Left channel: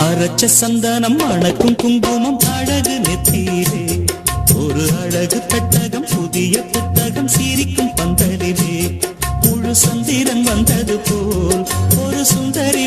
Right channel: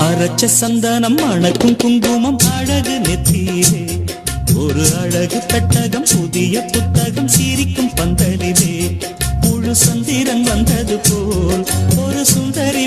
அரைச்ச சந்தனம் அணக்கும் குங்குமம் அழகு நெத்தியிலே ஒரு அழகு பெட்டகம் புதிய புத்தகம் சிரிக்கும் பந்தலிலே முழு சந்திரன் வந்தது போல் ஒரு சுந்தரி